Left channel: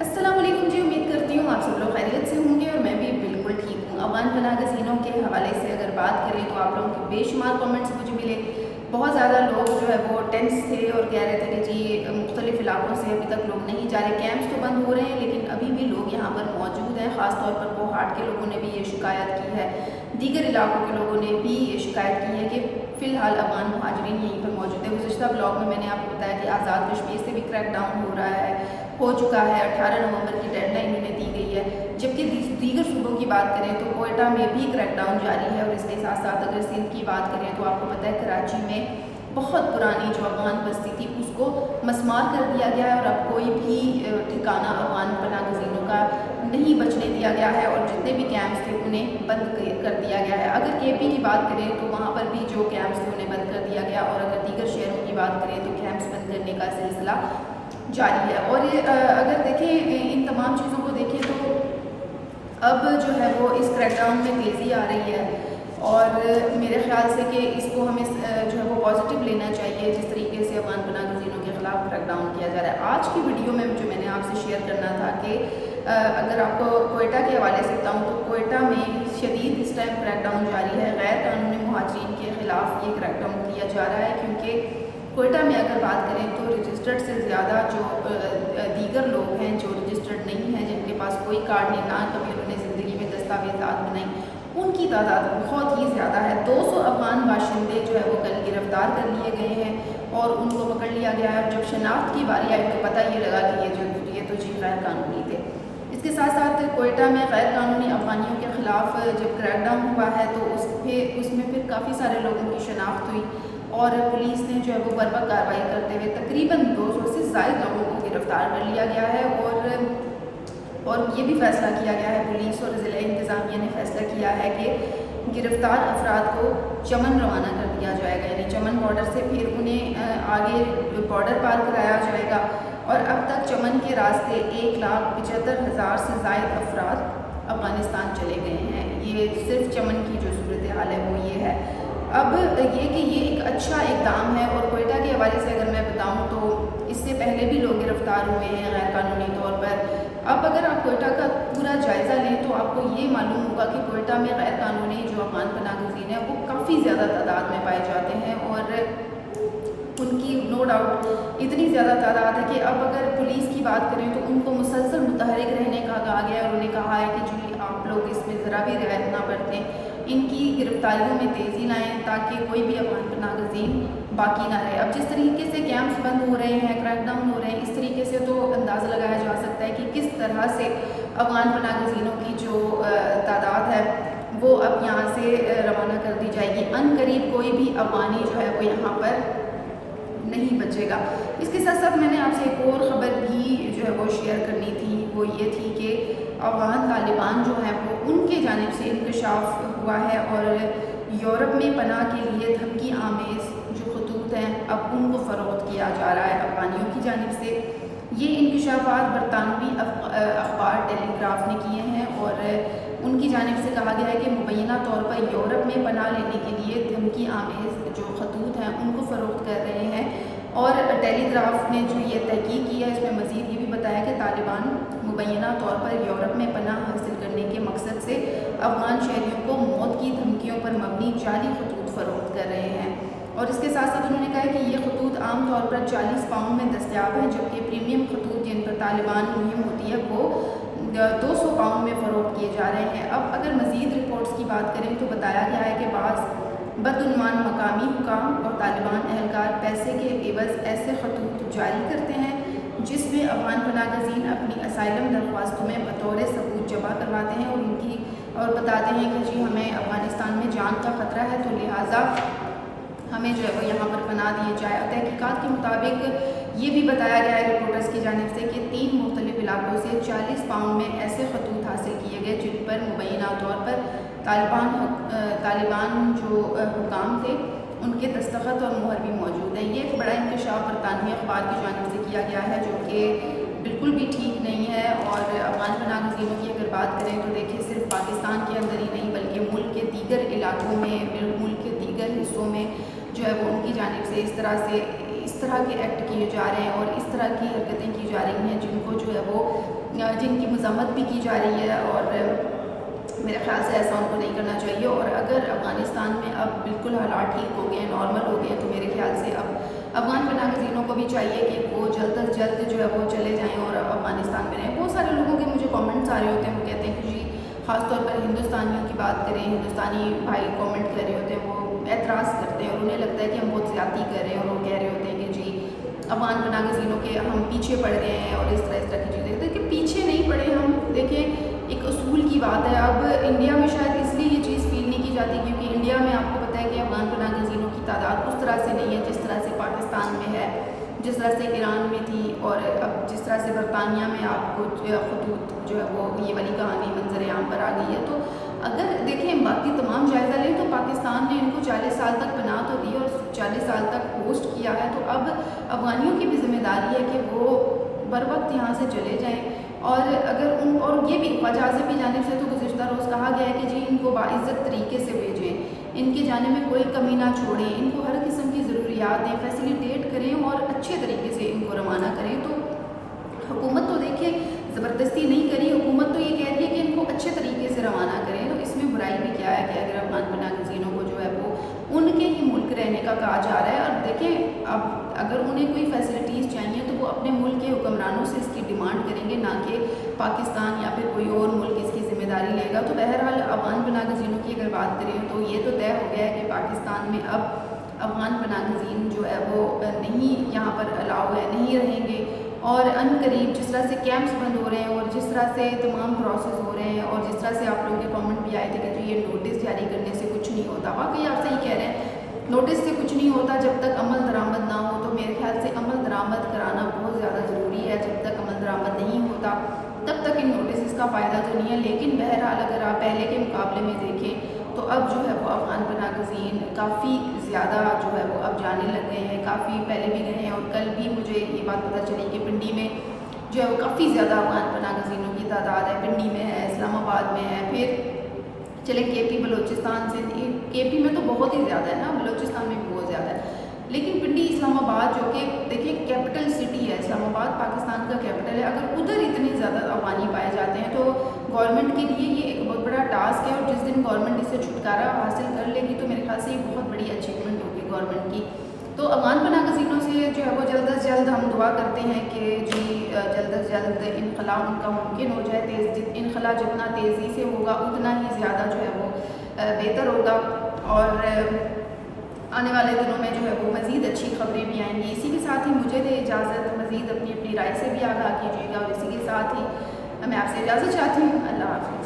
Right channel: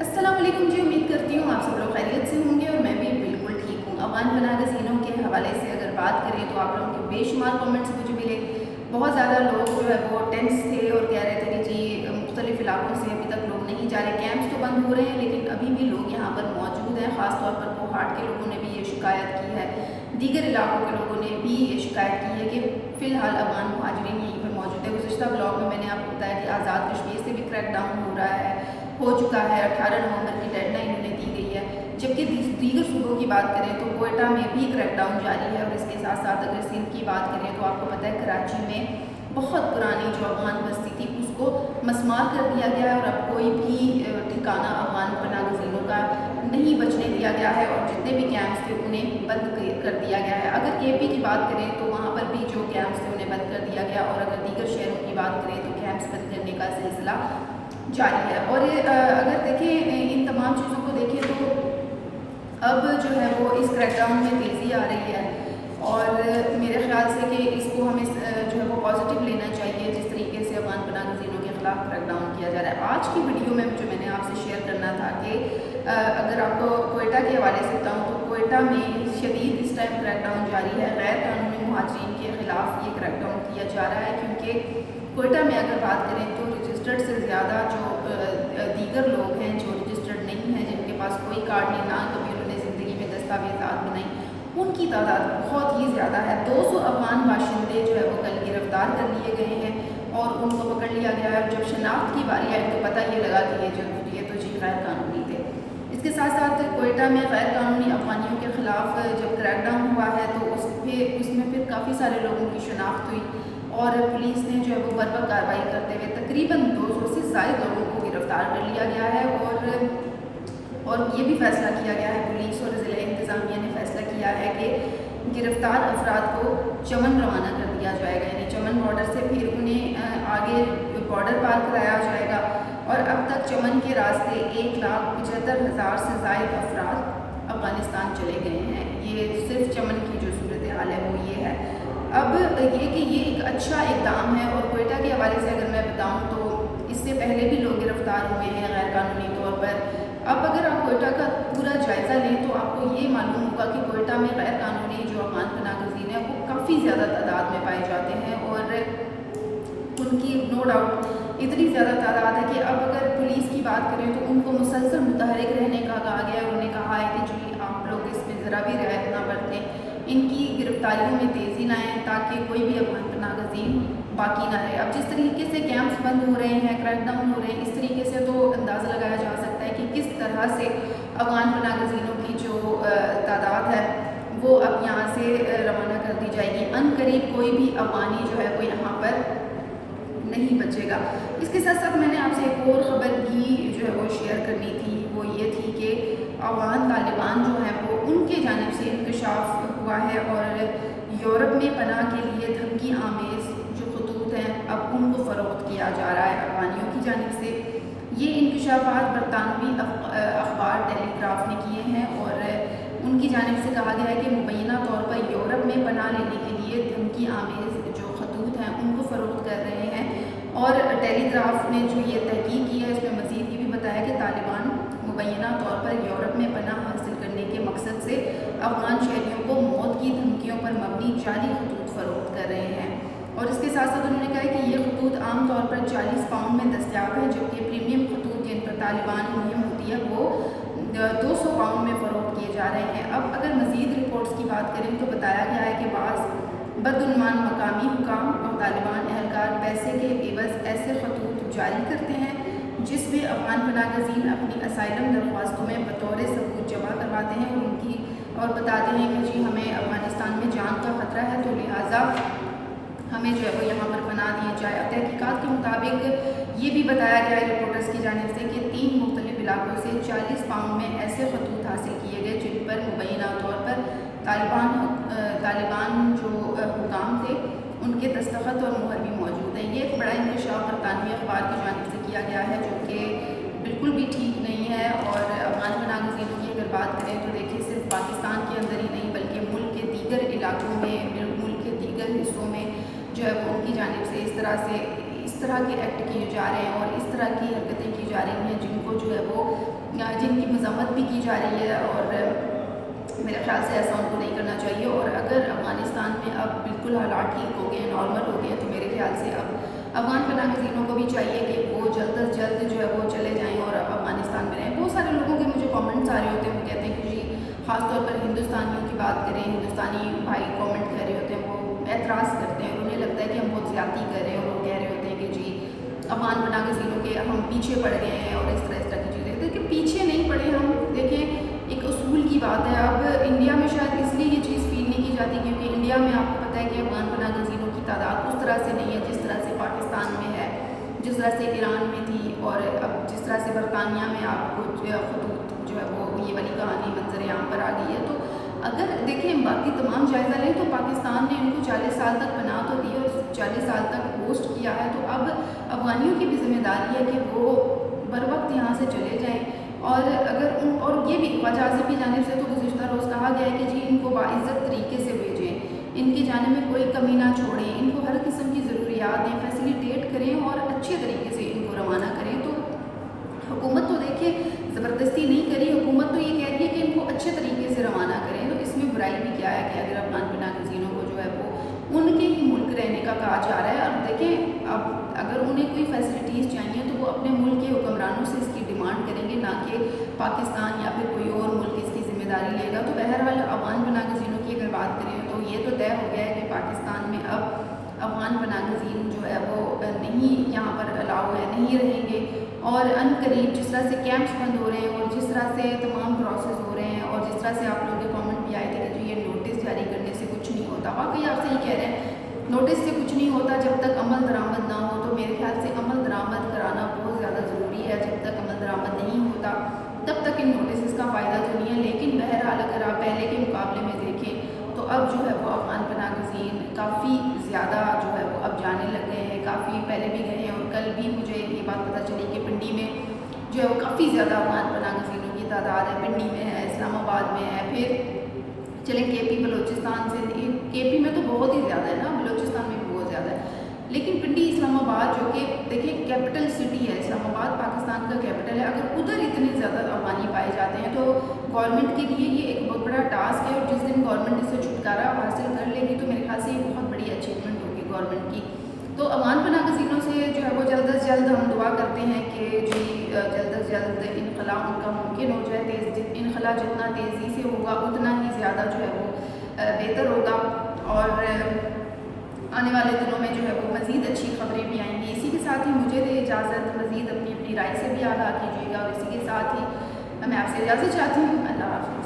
अस्सलाम वालेकुम जी। उम्मीद करती हूँ आप सब लोग खैरियत से होंगे और मैं भी बिल्कुल ठीक हूँ। अफगान पनाह गज़ीनों के हवाले से अगर बात करें तो आप लोगों के बेशुमार कमेंट्स मुझे मिले। बहुत ज़्यादा लोग जो है वो टेंस थे और कह रहे थे कि जी मुख्तलिफ इलाकों से अभी तक लोग नहीं जा रहे, कैंप्स तो बंद हो रहे हैं लेकिन अभी भी लोग यहाँ पर मौजूद हैं। ख़ास तौर पर कोहाट के लोगों ने भी ये शिकायत की है, दीगर इलाकों के लोगों ने भी ये शिकायत की है कि फ़िलहाल अफगान मुहाजिरीन यहीं पर मौजूद है। गुज़िश्ता ब्लॉग में मैंने आपको बताया कि आज़ाद कश्मीर से भी क्रैक डाउन हो रहा है, हो चुका है। 18 नवंबर की डेडलाइन इन्हें दी गई है। जबकि दीगर सूबों की बात करें तो कोयटा में भी क्रैकडाउन जारी है और इसके साथ साथ अगर सिंध की बात करें तो आपको पता है कराची में बहुत पुरानी जो अफगान बस्ती थी उसको मस्मार कर दिया गया है और अब कोई भी ठिकाना अफगान पनाह गज़ीनों का नहीं बचने दिया गया है और जितने भी कैंप्स थे उन्हें बंद कर दिया गया है। अगर केपी की बात करें तो वहाँ पर भी जो कैंप्स थे उन्हें बंद कर दिया गया और अगर दीगर शहरों की बात करें तो कैंप्स बंद करने का सिलसिला जारी है। और अगर देखें इन तमाम चीज़ों को देखें तो अब जो है वो इस क्रैकडाउन में तेज़ी आ रही है और मेरे ख्याल से कि इसको हमें जो है वो पॉजिटिव लेना चाहिए जिस तरीके से अफगान पनाह गज़ीनों के ख़िलाफ़ क्रैकडाउन किया जा रहा है। आज की वीडियो में जो मैंने आपसे शेयर करना था कि अगर आपको कोयटा के हवाले से बताऊँ तो कोयटा में शदीद इस टाइम क्रैकडाउन जारी है। गैर कानूनी मुहाजिरीन के ख़िलाफ़ ये क्रैकडाउन किया जा रहा है क्योंकि कोयटा में अगर बात करें तो रजिस्टर्ड से ज़्यादा जो दीगर लोग हैं जो रजिस्टर्ड नहीं हैं, जिनके पास कोई कार्ड नहीं, ना कभी उन्होंने ज़िंदगी में दस्तावेज़ात बनाई, उनकी तादाद बहुत ही ज़्यादा है। 200 अफगान बाशिंदे जो है वो कल गिरफ्तार कर लिए गए हैं और उनको पकड़ लिया गया है। जब शनाख्त की बारी आई तो पता ये लगा कि ये तो जी गैर कानूनी थे। इसके साथ साथ कोयटा में गैर कानूनी अफगानियों के ख़िलाफ़ जब क्रैकडाउन हुआ है तो उसमें फिर काफ़ी सारे लोगों की शनाख्त हुई और पुलिस ने जो है वो बर्बक कार्रवाई करते हुए तकरीबन 200 से ज़ायद लोगों को गिरफ़्तार कर लिया गया है। और ये भी फैसला किया गया है, पुलिस और ज़िला इंतज़ामिया ने फैसला किया है कि गिरफ़्तार अफराद को चमन रवाना कर दिया जाएगा, यानी चमन बॉर्डर से फिर उन्हें आगे बॉर्डर पार कराया जाएगा। और अब तक चमन के रास्ते 1,75,000 से ज़ायद अफराद अफ़गानिस्तान चले गए हैं। ये सिर्फ चमन की जो सूरत हाल है वो ये है। अब ये कि ये एक अच्छा इक़दाम है। और कोयटा के हवाले से अगर मैं बताऊं तो इससे पहले भी लोग गिरफ़्तार हुए हैं गैर कानूनी तौर पर। अब अगर आप कोयटा का पूरा जायज़ा लें तो आपको ये मालूम होगा कि कोयटा में गैर कानूनी जो अफगान पनाह गज़ीन है वो काफ़ी ज़्यादा तादाद में पाए जाते हैं और उनकी नो डाउट इतनी ज़्यादा तादाद है कि अब अगर पुलिस की बात करें तो उनको मुसलसल मुतहरिक रहने का कहा गया है। उन्हें कहा है कि जी आप लोग इसमें ज़रा भी रियायत ना बरतें, इनकी गिरफ्तारियों में तेज़ी लाएँ ताकि कोई भी अफगान पनाह गज़ीन बाकी ना रहे। अब जिस तरीके से कैंप्स बंद हो रहे हैं, क्रैकडाउन हो रहे हैं, इस तरीके से तो अंदाज़ा लगाया जा सकता है कि किस तरह से अफगान पनाह गज़ीनों की जो तादाद है वो अब यहाँ से रवाना कर दी जाएगी। अनकरीब कोई भी अफगानी जो है वो यहाँ पर नहीं बचेगा। इसके साथ साथ मैंने आपसे एक और ख़बर भी जो है वो शेयर करनी थी, वो ये थी कि अफगान तालिबान जो हैं वो उनके जानिब से इंकशाफ हुआ है और यूरोप में पनाह के लिए धमकी आमेज़ जो खतूत हैं अब उनको फ़रोख्त किया जा रहा है अफगानियों की जानिब से। ये इंकशाफात बरतानवी अखबार टेलीग्राफ ने किए हैं और उनकी जानिब से कहा गया है कि मुबैना तौर पर यूरोप में पनाह लेने के लिए धमकी आमेज़ जो खतूत हैं उनको फ़रोख्त कर रहे हैं। और टेलीग्राफ ने जो ये तहकीक की है इसमें मज़ीद ये भी बताया कि तालिबान मुबैना तौर पर यूरोप में पनाह हासिल करने के मकसद से अफगान शहरियों को मौत की धमकियों पर मबनी जाली खतूत फ़रोख्त कर रहे हैं। और इसके साथ साथ उन्होंने कहा है कि ये खतूत आम तौर पर 40 पाउंड में दस्तियाब हैं, जबकि प्रीमियम खतूत जिन पर तालिबान मुहिम होती है वो 200 पाउंड में फ़रोख्त किए जा रहे हैं। अब अगर मज़ीद रिपोर्ट्स की बात करें तो बताया गया है कि बाज़ बदउनवान मकामी हुकाम और तालिबान एहलकार पैसे के एवज़ ऐसे खतूत जारी करते हैं जिसमें अफगान पनाह गज़ीन अपनी असाइलम दरख्वास्तों में बतौर सबूत जमा करवाते हैं और बताते हैं कि जी हमें अफ़गानिस्तान में जान का ख़तरा है तो लिहाजा हमें जो है वो यहाँ पर पनाह दी जाए। अब तहकीकात के मुताबिक ये भी बताया गया है रिपोर्टर्स की जानिब से कि 3 मुख्तलिफ इलाकों से 40 पाउंड में ऐसे खतूत हासिल किए गए जिन पर मुबैना तौर पर तालिबान जो हुकाम थे उनके दस्तखत और मुहर भी मौजूद हैं। ये एक बड़ा इंकशाफ बरतानवी अखबार की जानिब से किया गया है जो कि बिल्कुल भी ठीक नहीं है। और अफगान पनाह गज़ीनों की अगर बात करें तो देखिए सिर्फ पाकिस्तान के अंदर ही नहीं बल्कि मुल्क के दीगर इलाकों में, मुल्क के दीगर हिस्सों में जो है वो उनकी जानिब से इस तरह से اس طرح کے ایکٹ کیے جا رہے ہیں اور اس طرح کی حرکتیں کی جا رہی ہیں جن کو جو ہے وہ جن کی مذمت بھی کی جا رہی ہے، اور میرے خیال سے ایسا ان کو نہیں کرنا چاہیے۔ اور اگر افغانستان میں اب بالکل حالات ٹھیک ہو گئے ہیں، نارمل ہو گئے ہیں، تو میرے خیال سے اب افغان پناہ گزینوں کو بھی چاہیے کہ وہ جلد از جلد جو ہے وہ چلے جائیں اور افغانستان میں رہیں۔ بہت سارے لوگوں کے مجھے کامنٹس آ رہے ہوتے ہیں، وہ کہتے ہیں کہ جی خاص طور پر ہندوستانیوں کی بات کریں، ہندوستانی بھائی کامنٹ کر رہے ہوتے ہیں، وہ اعتراض کرتے ہیں اور انہیں لگتا ہے کہ ہم بہت زیادتی کر رہے ہیں، اور وہ کہہ رہے ہوتے ہیں کہ جی افغان پناہ گزینوں کے ہم پیچھے پڑ گئے ہیں اور اس طرح کی چیزیں، لیکن پیچھے نہیں پڑے ہم۔ دیکھیں ایک اصول کی بات ہے، اب انڈیا میں شاید اس لیے یہ چیز فیل نہیں کی جاتی کیونکہ انڈیا میں آپ کو پتہ ہے کہ افغان پناہ گزینوں کی تعداد اس طرح سے نہیں ہے جس طرح سے پاکستان میں ہے، جس طرح سے ایران میں تھی، اور اب جس طرح سے برطانیہ میں آپ کو خطوط جو ہے وہ یہ والی کہانی منظر عام پر آ گئی ہے۔ تو اگر دیکھیں باقی تمام جائزہ لیں تو پاکستان نے ان کو 40 سال تک پناہ تو دی اور 40 سال تک ہوسٹ کیا ہے، تو اب افغانیوں کی بھی ذمہ داری ہے کہ وہ بر وقت یہاں سے چلے جائیں، اور اور یہ بھی خواجہ آصف کی جانب سے تو گزشتہ روز کہا گیا ہے کہ جی ان کو باعزت طریقے سے بھیجیں، ان کی جانب میں کوئی کمی نہ چھوڑیں، ان کو ہر قسم کی ضروریات دیں، فیسیلیٹیٹ کریں اور اچھے طریقے سے ان کو روانہ کریں۔ تو حکومت تو دیکھیں زبردستی نہیں کری، حکومت تو یہ کہہ رہی ہے کہ ان کو اچھے طریقے سے روانہ کریں، تو اس میں برائی بھی کیا ہے کہ اگر افغان پناہ گزینوں کو جو ہے وہ ان کے ہی ملک رہنے کا کہا جا رہا ہے۔ اور دیکھیں اب اگر انہیں کوئی فیسلٹیز چاہیے تو وہ اپنے ملک کے حکمرانوں سے اس کی ڈیمانڈ کریں گے، نہ کہ پاکستان یا پھر کوئی اور ملک اس کی ذمہ داری لے گا۔ تو بہرحال افغان پناہ گزینوں کی اگر بات کریں تو یہ تو طے ہو گیا ہے کہ پاکستان میں اب افغان پناہ گزین جو ہے وہ نہیں یہاں پر الاؤ ہے، نہیں رہیں گے، اور ان قریب جس طرح سے کیمپس بند ہو رہے ہیں اور جس طرح سے تمام پروسیس ہو رہے ہیں اور جس طرح سے آپ لوگوں کے کامنٹ بھی آئے تھے کہ جی یہ نوٹس جاری کرنے سے کچھ نہیں ہوتا، واقعی آپ صحیح کہہ رہے ہیں، نوٹس سے کچھ نہیں ہوتا جب تک عمل درآمد نہ ہو۔ تو میرے خیال سے عمل درآمد کرانا بہت زیادہ ضروری ہے، جب تک عمل درآمد نہیں ہوتا تب تک ان نوٹسز کا فائدہ تو نہیں ہے۔ لیکن بہرحال اگر آپ پہلے کے مقابلے میں دیکھیں تو اب جو ہے وہ افغان پناہ گزین کافی زیادہ جو ہے وہ اب جانے لگ گئے ہیں، کافی پہلے بھی گئے ہیں، اور کل بھی مجھے یہ بات پتہ چلی کہ پنڈی میں جو ہے وہ کافی زیادہ افغان پناہ گزینوں کی تعداد ہے، پنڈی میں ہے، اسلام آباد میں ہے، پھر چلیں کے پی بلوچستان سے، کے پی میں تو بہت ہی زیادہ ہے نا، بلوچستان میں بھی بہت زیادہ ہے، لیکن پنڈی اسلام آباد جو کہ دیکھیں کیپٹل سٹی ہے، اسلام آباد پاکستان کا کیپٹل ہے، اگر ادھر اتنے زیادہ افغانی پائے جاتے ہیں تو گورنمنٹ کے لیے یہ ایک بہت بڑا ٹاسک ہے، اور جس دن گورنمنٹ اس سے چھٹکارا حاصل کر لے گی تو میرے خیال سے یہ بہت بڑی اچیومنٹ ہوگی گورنمنٹ کی۔ تو افغان پناہ گزینوں سے جو ہے وہ جلد از جلد ہم دعا کرتے ہیں کہ جی جلد از جلد انخلا ان کا ممکن ہو جائے، انخلا جتنا تیزی سے ہوگا اتنا ہی زیادہ جو ہے وہ بہتر ہوگا، اور آنے والے دنوں میں جو ہے وہ مزید اچھی خبریں بھی آئیں گی۔ اسی کے ساتھ ہی مجھے دے اجازت، مزید اپنی رائے سے بھی آگاہ کیجیے گا، اور اسی کے ساتھ ہی میں آپ سے اجازت چاہتی ہوں۔ اللہ حافظ۔